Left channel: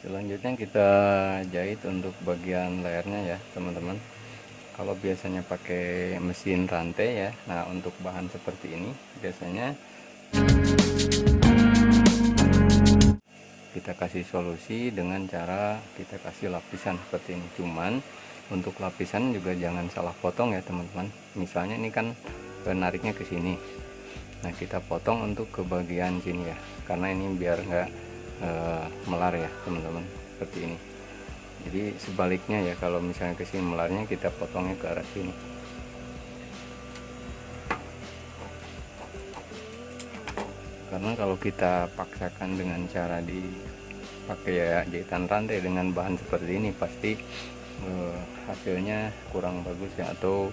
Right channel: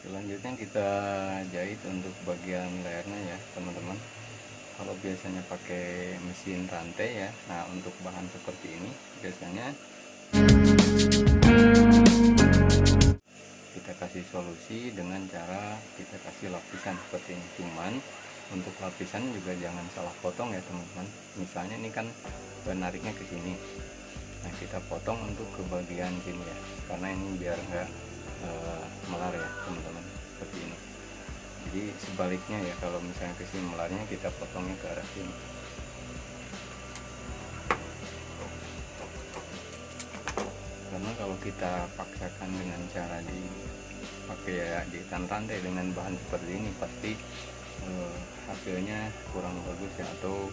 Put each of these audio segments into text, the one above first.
Selanjutnya kita jahit untuk bagian layarnya ya teman-teman. Kalau biasanya pakai mesin rantai ya, nah untuk bahan seperti ini biasanya kita kasih solusi dengan cara kita kasih lapisan seperti ini. Cuman untuk lapisan juga jangan salah potong ya teman-teman. Misalnya ini kan penariknya ke sini, nah kita potong untuk ke bagian sini ya, karena ini biar enggak melar ya teman-teman, seperti ini. Jadi sebaliknya ya, kalau misalnya ke sini melarnya, kita potongnya ke arah sini. Karena kalau kita paksakan dengan cara dipakai ya jahitan rantai dengan bahan seperti ini, pasti hasilnya kurang bagus ya, atau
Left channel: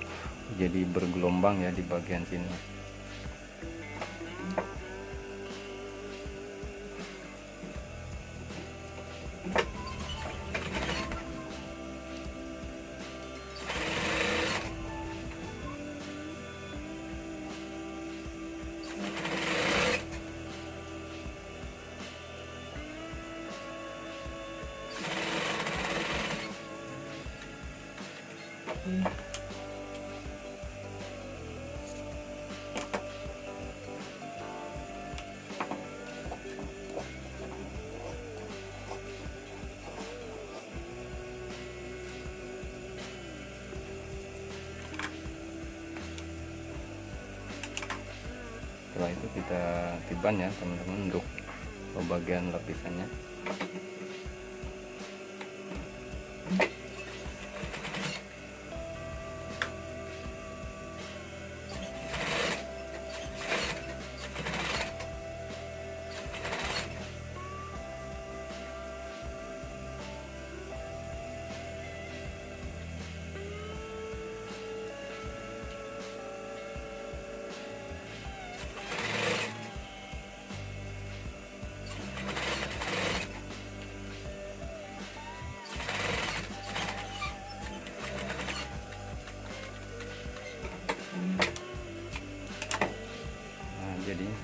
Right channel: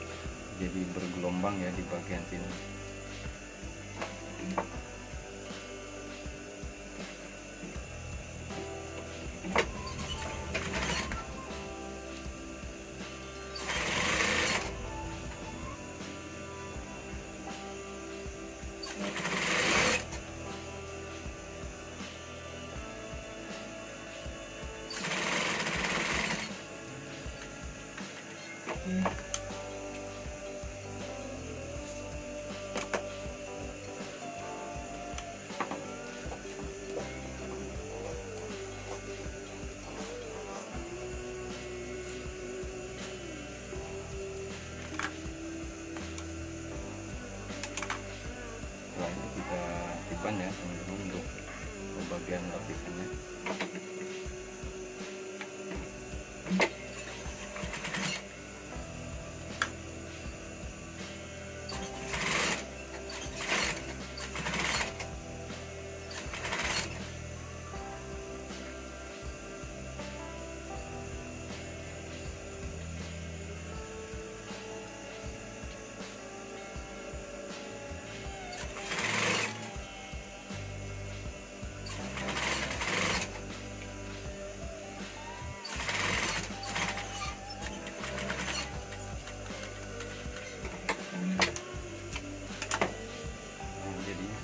jadi bergelombang ya di bagian sini. Setelah itu kita tiban ya teman-teman untuk bagian lapisannya.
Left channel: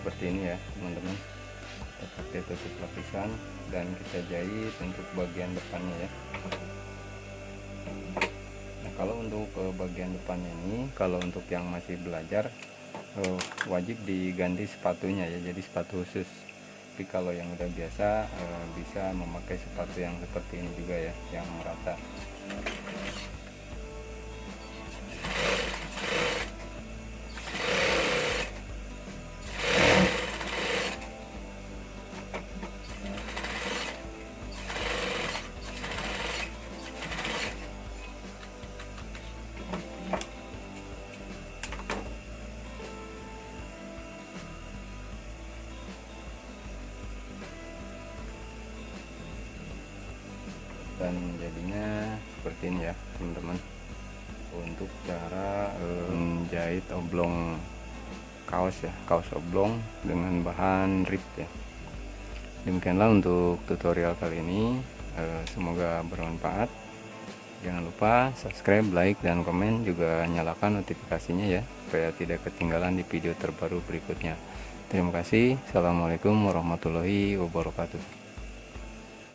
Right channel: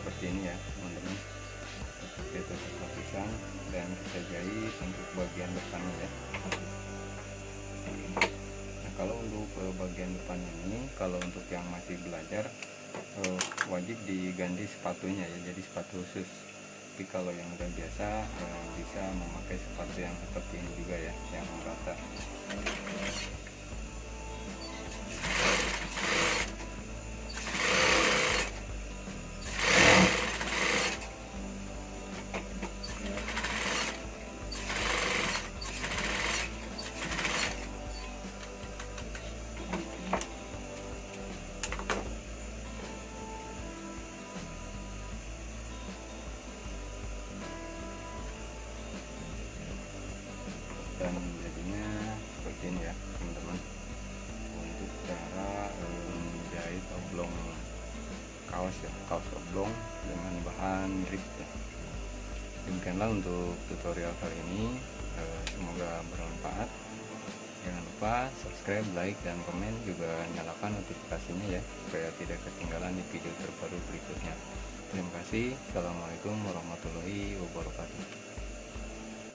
Seperti ini ya teman-teman, kita tutup lapisan dan kita jahit untuk bagian depannya ya. Nah kalau untuk bagian depannya ini, kalau untuk yang masih belajar wajib diganti sepatunya ya, jadi sepatu khusus. Tapi kalau yang udah biasa bisa memakai sepatu yang seperti ini juga ya, yang merata. Dan jadinya seperti ini ya teman-teman, untuk cara menjahit oblong kaos ya, kaos oblong dengan bahan rib ya. Demikianlah untuk tutorial kali ini, semoga bermanfaat. Jangan lupa subscribe, like, dan komen, juga nyalakan notifikasinya ya, supaya tidak ketinggalan di video terbaru berikutnya. Terima kasih. Assalamualaikum warahmatullahi wabarakatuh.